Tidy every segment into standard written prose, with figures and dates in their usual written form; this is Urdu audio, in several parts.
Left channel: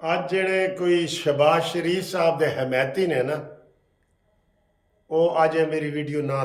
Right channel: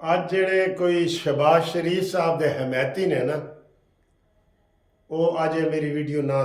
ਅੱਜ ਜਿਹੜੇ ਕੋਈ ਸ਼ਹਬਾਜ਼ ਸ਼ਰੀਫ ਸਾਹਿਬ ਦੇ ਹਮਾਇਤੀ ਨੇ ਨਾ, ਉਹ ਅੱਜ ਇਹ ਮੇਰੀ ਵੀਡੀਓ ਨਾ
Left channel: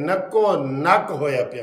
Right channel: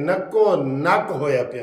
ਨੱਕੋ ਨੱਕ ਹੋਇਆ ਪਿਆ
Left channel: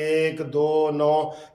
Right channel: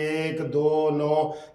1, 2, 9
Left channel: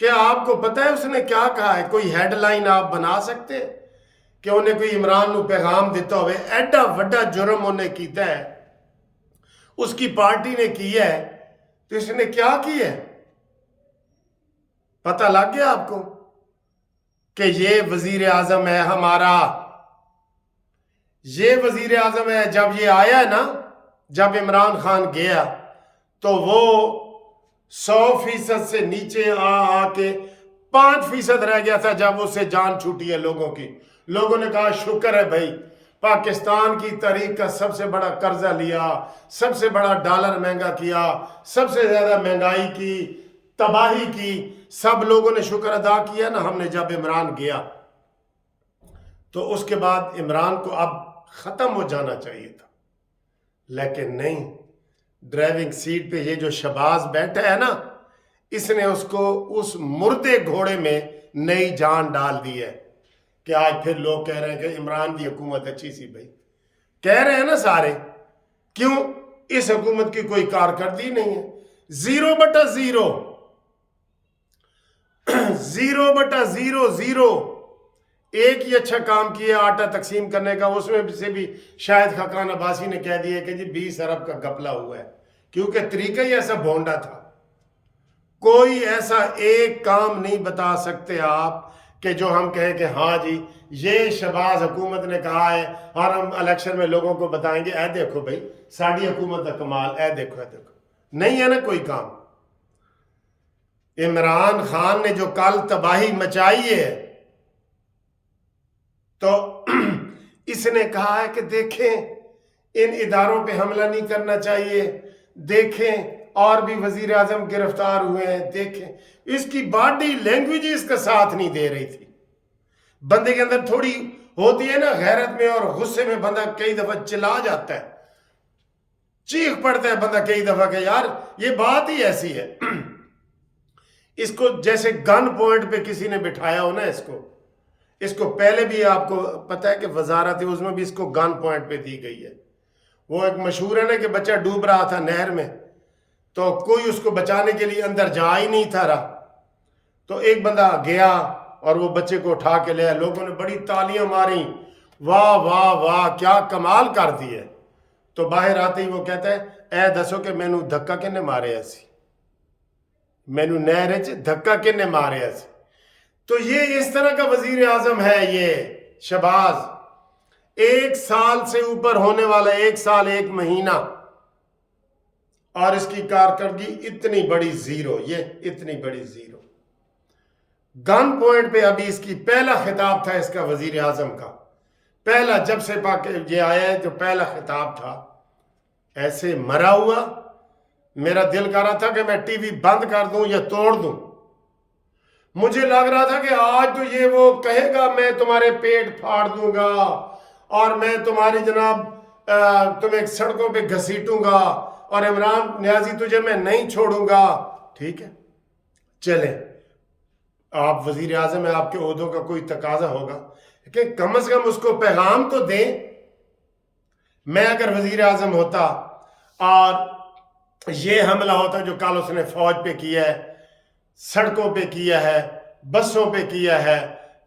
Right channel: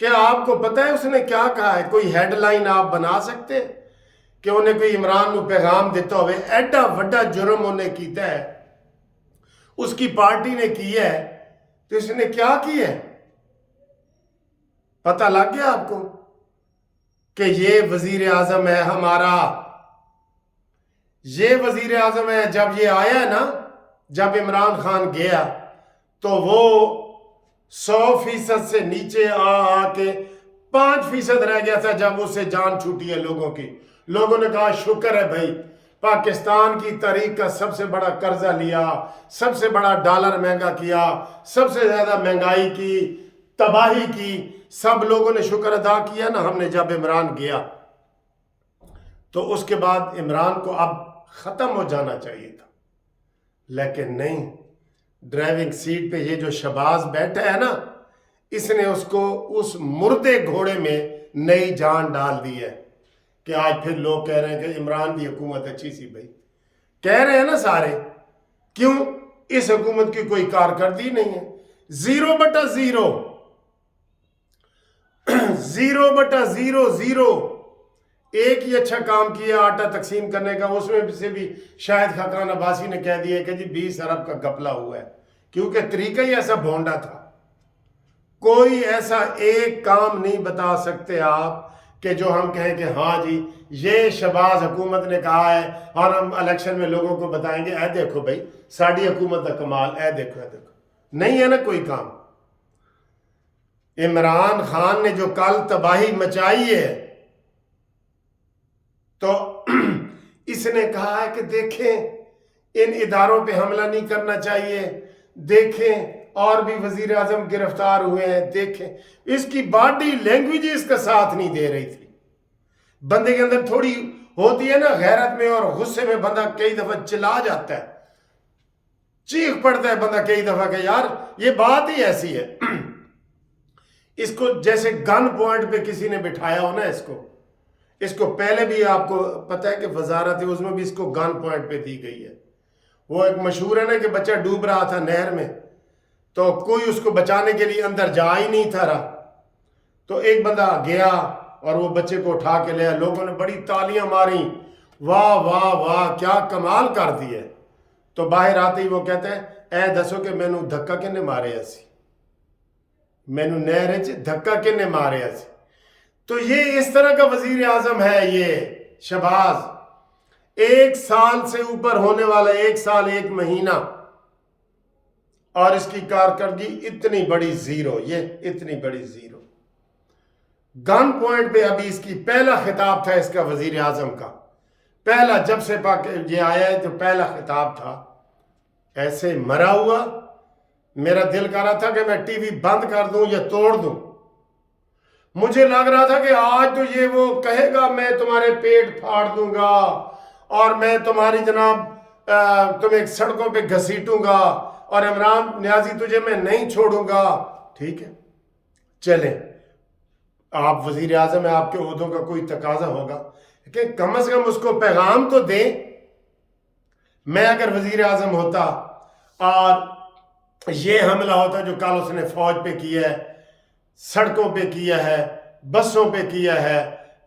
کہ آپ کو پتہ ہے اس نے کیا کہا ہے؟ کوئی ہیڈ لائن آپ بنا سکتے کہ انہیں کوئی عمران نو پیغام دیتا ہوئے ایڈا وڈا جرم انہیں کیتا ہے، اس کی پارٹی نے کیا ہے، تو اس نے کیا کیا ہے؟ پتہ لگ گیا آپ کو کہ یہ وزیر اعظم ہے ہمارا، یہ وزیر اعظم ہے۔ جب یہ آیا ہے نا، جب عمران خان گیا تو وہ 100% سے نیچے آ کے 5% رہ گیا تھا جب اس سے جان چھوٹی ہے لوگوں کی۔ لوگوں نے کہا شکر ہے بھائی، پاکستان کی تاریخ کا سب سے بڑا قرضہ لیا، سب سے بڑا ڈالر مہنگا کیا، سب سے زیادہ مہنگائی کی، تباہی کی، سب لوگوں نے شکر ادا کیا نا ہم نے جب عمران گیا۔ تو اس کے بعد عمران کو اب ختم ہو جانا چاہیے تھا، لیکن نہیں۔ ڈرائیونگ سیٹ پہ یہ جو شہباز بیٹھا ہے نا، اس نے اس کو اس مردے گھوڑے میں نئی جان ڈال دی ہے کہ آج پھر لوگ کہہ رہے ہیں کہ عمران کی حکومت اچھی سی۔ بھائی کہہ رہے ہیں نا سارے، کیوں؟ اس حکومت کی کوئی کارکردگی نہیں ہے، 0/0، 0/0، ایک ہی اچھا کام کیا آٹا تقسیم کرنے کا، اس میں سے بھی شاید خاقان عباسی نے کہہ دیا کہ جی 20 ارب کا گھپلا ہوا ہے، کیونکہ طریقہ ہی ایسا بھونڈا تھا۔ کوئی ایسا ایک کام نہیں بتا سکتے آپ کہ جو ہم کہیں کہ ہاں جی یہ شہباز حکومت نے کہا ہے اور ہم الیکشن میں لوگوں کو بتائیں گے اے دیکھو بھائی ساڑی حکومت کا کمال، اے دیکھو اے دیکھو۔ نہیں ہے نا کوئی کام۔ عمران خان نے جو کل تباہی مچائی ہے تو اس نے کہا ہے کہ دیکھیں ان اداروں پہ حملہ نہیں کرنا چاہیے، دیکھیں اور بھی وزیر اعظم گرفتار ہوئے ہیں، دیکھیں۔ اس کی باڈی لینگویج اس کا ساتھ نہیں دے رہی تھی۔ بندے کے اندر تھوڑی ہوتی ہے نا غیرت میں اور غصے میں بندہ کئی دفعہ چلا جاتا ہے، چیخ پڑتا ہے بندہ کئی دفعہ کہ یار یہ بات ہی ایسی ہے۔ اس کو جیسے گن پوائنٹ پہ کسی نے بٹھایا ہو نا، اس کو پہلے بھی آپ کو پتہ ہے کہ وزارت اس میں بھی اس کو گن پوائنٹ پہ دی گئی ہے۔ وہ ایک مشہور ہے نا کہ بچہ ڈوب رہا تھا نہر میں، تو کوئی اس کو بچانے کے لیے اندر جا ہی نہیں تھا رہا، تو ایک بندہ گیا اور وہ بچے کو اٹھا کے لیا، لوگوں نے بڑی تالیاں ماری، واہ واہ واہ کیا کمال کر دی ہے۔ تو باہر آتے ہی وہ کہتا ہے اے دسو کہ مینوں دھکا کنے مارے ایسی، مینوں نہر وچ دھکا کنے مارے ایسی۔ تو یہ اس طرح کا وزیر اعظم ہے یہ شہباز، 1 سال سے اوپر ہونے والا، 1 سال 1 مہینہ، اور اس کی کارکردگی اتنی بڑی زیرو، یہ اتنی بڑی زیرو۔ گن پوائنٹ پہ ابھی اس کی پہلا خطاب تھا اس کا وزیر اعظم کا، پہلا جب سے یہ آیا ہے تو پہلا خطاب تھا، ایسے مرا ہوا میرا دل کر رہا تھا کہ میں ٹی وی بند کر دوں یا توڑ دوں۔ مجھے لگ رہا تھا کہ آج تو یہ وہ کہے گا میں تمہارے پیٹ پھاڑ دوں گا اور میں تمہاری جناب تمہیں سڑکوں پہ گھسیٹوں گا اور عمران نیازی تجھے میں نہیں چھوڑوں گا۔ ٹھیک ہے چلیں، آپ وزیر اعظم ہیں، آپ کے عہدوں کا کوئی تقاضا ہوگا کہ کم از کم اس کو پیغام تو دیں۔ میں اگر وزیر اعظم ہوتا اور یہ حملہ ہوتا جو کل اس نے فوج پہ کیا ہے، سڑکوں پہ کیا ہے، بسوں پہ کیا ہے،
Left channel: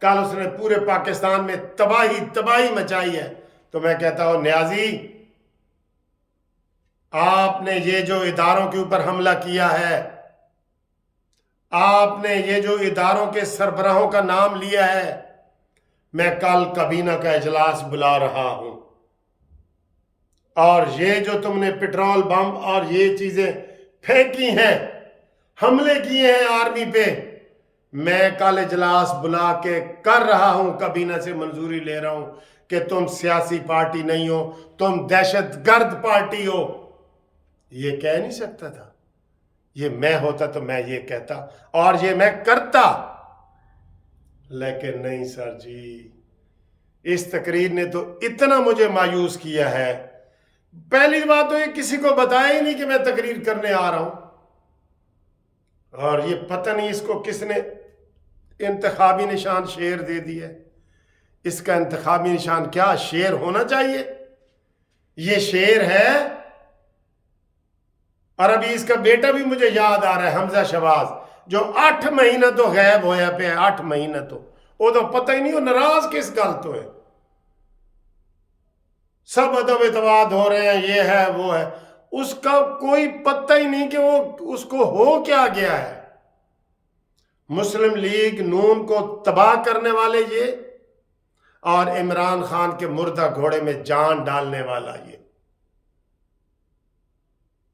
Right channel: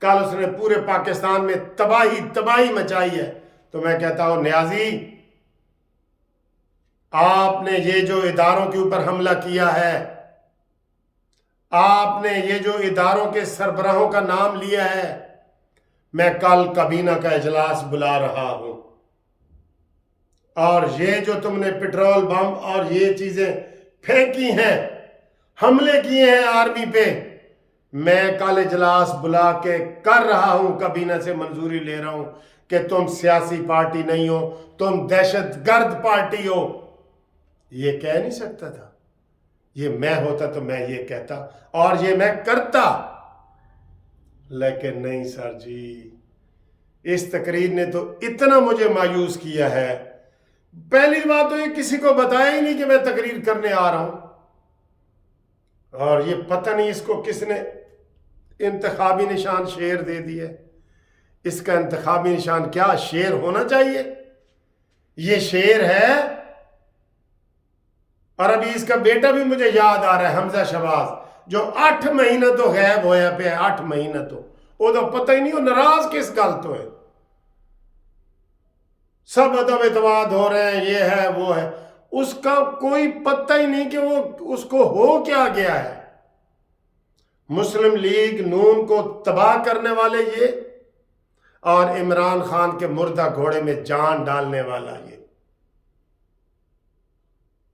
کل اس نے پورے پاکستان میں تباہی مچائی ہے، تو میں کہتا ہوں نیازی آپ نے یہ جو اداروں کے اوپر حملہ کیا ہے، آپ نے یہ جو اداروں کے سربراہوں کا نام لیا ہے، میں کل کابینہ کا اجلاس بلا رہا ہوں، اور یہ جو تم نے پٹرول بم اور یہ چیزیں پھینکی ہیں، حملے کیے ہیں آرمی پہ، میں کل اجلاس بلا کے کر رہا ہوں، کابینہ سے منظوری لے رہا ہوں کہ تم سیاسی پارٹی نہیں ہو، تم دہشت گرد پارٹی ہو۔ یہ کہہ نہیں سکتا تھا؟ یہ میں ہوتا تو میں یہ کہتا اور یہ میں کرتا، لیکن نہیں سر جی، اس تقریر نے تو اتنا مجھے مایوس کیا ہے۔ پہلی بات تو یہ کسی کو بتایا ہی نہیں کہ میں تقریر کرنے آ رہا ہوں، اور یہ پتہ نہیں اس کو کس نے انتخابی نشان شیر دے دیے۔ اس کا انتخابی نشان کیا شیر ہونا چاہیے؟ یہ شیر ہے۔ اور ابھی اس کا بیٹا بھی مجھے یاد آ رہا ہے، حمزہ شہباز، جو 8 مہینے تو غائب ہویا پہ 8 مہینے تو وہ تو پتہ ہی نہیں وہ ناراض کس گل تو ہے. سب ادب اعتماد ہو رہے ہیں، یہ ہے وہ ہے، اس کا کوئی پتہ ہی نہیں کہ وہ اس کو ہو کیا گیا ہے. مسلم لیگ نون کو تباہ کرنے والے یہ، اور عمران خان کے مردہ گھوڑے میں جان ڈالنے والا یہ.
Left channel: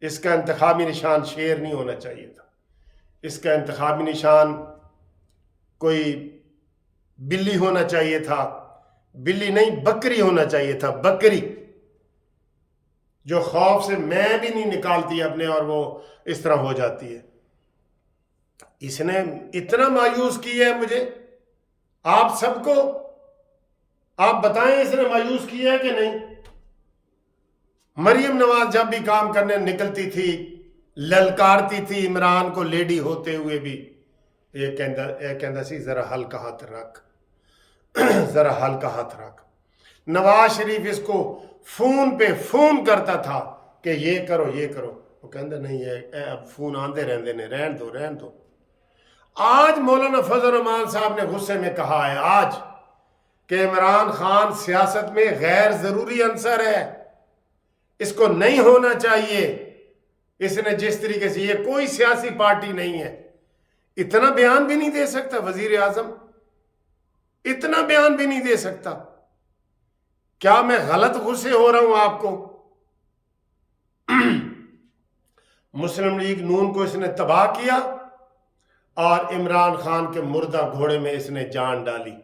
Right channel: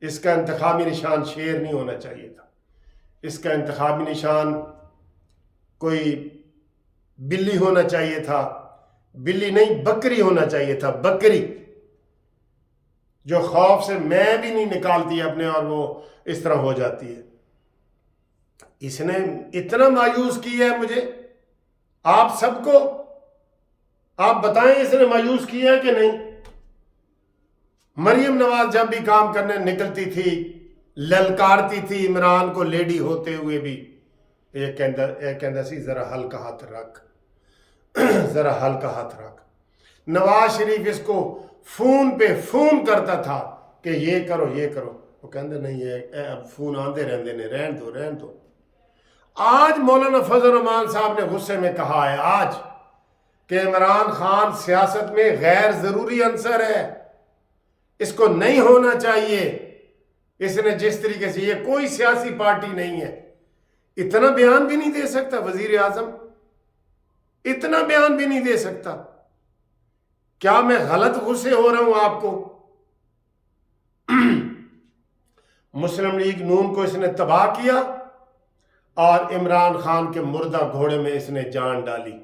اس کا انتخابی نشان شیر نہیں ہونا چاہیے تھا، اس کا انتخابی نشان کوئی بلی ہونا چاہیے تھا. بلی نہیں، بکری ہونا چاہیے تھا، بکری جو خوف سے میں بھی نہیں نکالتی اپنے اور وہ اس طرح ہو جاتی ہے. اس نے اتنا مایوس کیا ہے مجھے، آپ سب کو. آپ بتائیں اس نے مایوس کیا ہے کہ نہیں؟ مریم نواز جب بھی کام کرنے نکلتی تھی للکارتی تھی عمران کو لیڈی ہوتے ہوئے بھی. یہ کہندا سی ذرا ہلکا ہاتھ رکھ، ذرا ہلکا ہاتھ رکھ. نواز شریف اس کو فون پہ فون کرتا تھا کہ یہ کرو یہ کرو، وہ کہندا نہیں یہ اب فون آندے رہندے نے، رہن دو رہن دو. آج مولانا فضل الرحمان صاحب نے غصے میں کہا ہے آج کہ عمران خان سیاست میں غیر ضروری عنصر ہے، اس کو نہیں ہونا چاہیے. اس نے جس طریقے سے، یہ کوئی سیاسی پارٹی نہیں ہے، اتنا بیان بھی نہیں دے سکتا وزیر اعظم، اتنا بیان بھی نہیں دے سکتا. کیا میں غلط غصے ہو رہا ہوں آپ کو؟ مسلم لیگ نون کو اس نے تباہ کیا اور عمران خان کے مردہ گھوڑے میں اس نے جان ڈالی.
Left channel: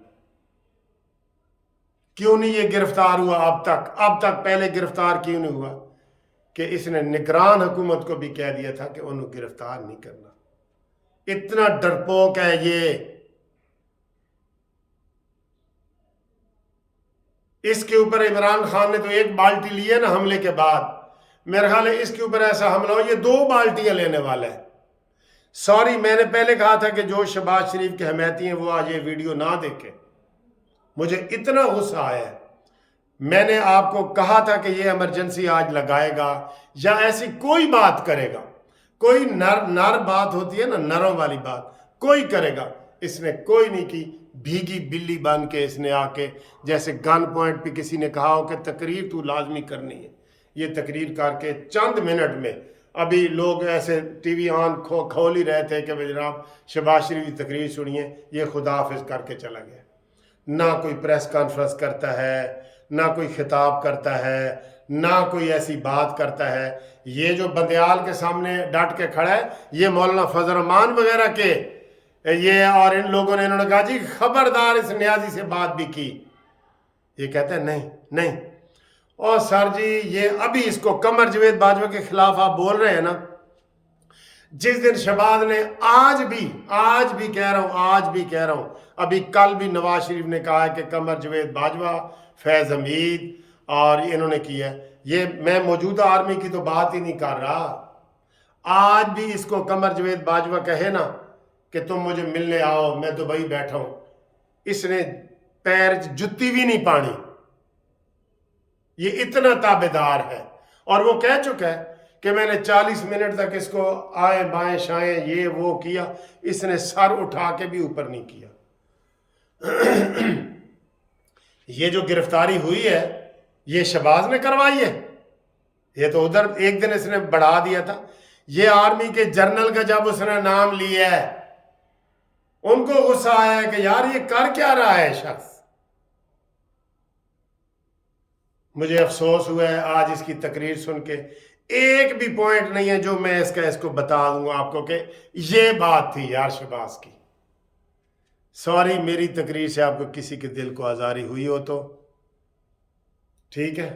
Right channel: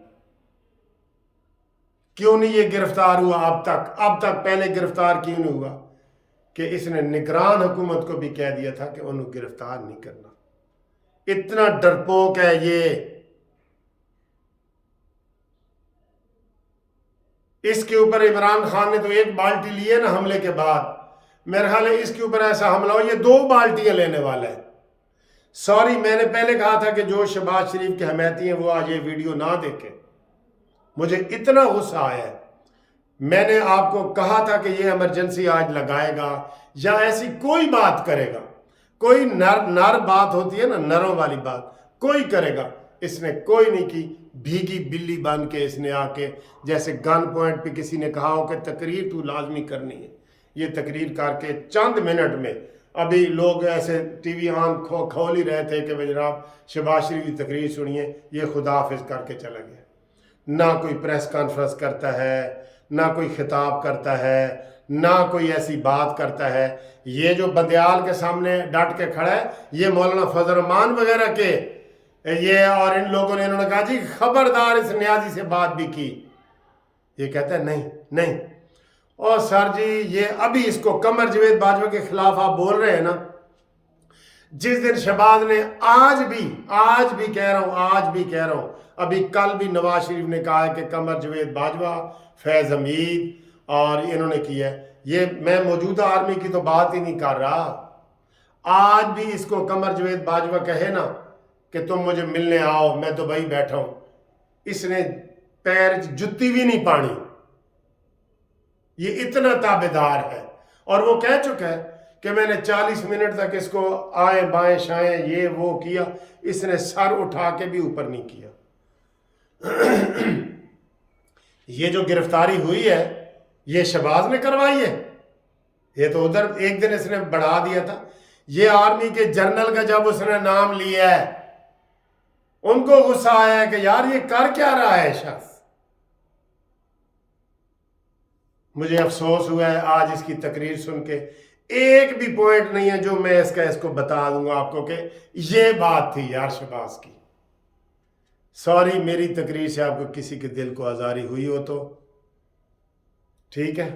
کیوں نہیں یہ گرفتار ہوا اب تک پہلے گرفتار کیوں نہیں ہوا؟ کہ اس نے نگران حکومت کو بھی کہہ دیا تھا کہ انہوں گرفتار نہیں کرنا. اتنا ڈرپوک ہے یہ. اس کے اوپر عمران خان نے تو ایک بالٹی لی ہے نا حملے کے بعد، میرا خیال ہے اس کے اوپر ایسا حملہ ہو یہ 2 بالٹیاں لینے والا ہے. سوری، میں نے پہلے کہا تھا کہ جو شہباز شریف کے حمایتی ہیں وہ آج یہ ویڈیو نہ دیکھیں. مجھے اتنا غصہ آیا ہے. میں نے آپ کو کہا تھا کہ یہ ایمرجنسی آج لگائے گا یا ایسی کوئی بات کرے گا، کوئی نر بات ہوتی ہے نا، نروں والی بات کوئی کرے گا. اس نے کوئی نہیں کی. بھیگی بلی بن کے اس نے آ کے جیسے گن پوائنٹ پہ کسی نے کہا ہو کہ تقریر تو لازمی کرنی ہے، یہ تقریر کر کے چند منٹ میں، ابھی لوگ ایسے ٹی وی آن کھول ہی رہے تھے کہ جناب شہباز شریف کی تقریر سنیے، یہ خدا حافظ کر کے چلا گیا. نہ کوئی پریس کانفرنس کرتا ہے، نہ کوئی خطاب کرتا ہے، نہ کوئی ایسی بات کرتا ہے. یہ جو بندیال کے سامنے ڈٹ کے کھڑا ہے یہ مولانا فضل الرحمان وغیرہ کے یہ، اور ان لوگوں نے انہوں نے کہا جی خبردار اس نیازی سے بات بھی کی. یہ کہتا ہے نہیں نہیں. اور سر جی یہ ابھی اس کو قمر جاوید باجوہ کے خلاف آپ بول رہے ہیں نا، جس دن شہباز نے آج بھی کہہ رہا ہوں ابھی کل بھی نواز شریف نے کہا ہے کہ قمر جاوید باجوہ، فیض حمید اور انہوں نے کیا ہے. یہ میں موجودہ آرمی کی تو بات ہی نہیں کر رہا. آج بھی اس کو قمر جاوید باجوہ کہے نا کہ تم مجھے ملنے آؤ، میں دبئی بیٹھا ہوں، اس نے پیر جتی بھی نہیں پانی. یہ اتنا تابعدار ہے. اور وہ کہہ چکا ہے کہ میں نے 40 منٹ تک اس کو آئیں بائیں شائیں یہ وہ کیا، اس نے سر اٹھا کے بھی اوپر نہیں کیا. یہ جو گرفتاری ہوئی ہے یہ شہباز نے کروائی ہے. یہ تو ادھر ایک دن اس نے بڑھا دیا تھا. یہ آرمی کے جنرل کا جب اس نے نام لیا ہے ان کو غصہ آیا ہے کہ یار یہ کر کیا رہا ہے شخص. مجھے افسوس ہوا ہے آج اس کی تقریر سن کے، ایک بھی پوائنٹ نہیں ہے جو میں اس کو بتا دوں گا آپ کو کہ یہ بات تھی یار شہباز کی. سوری میری تقریر سے آپ کو کسی کے دل کو آزاری ہوئی ہو تو ٹھیک ہے.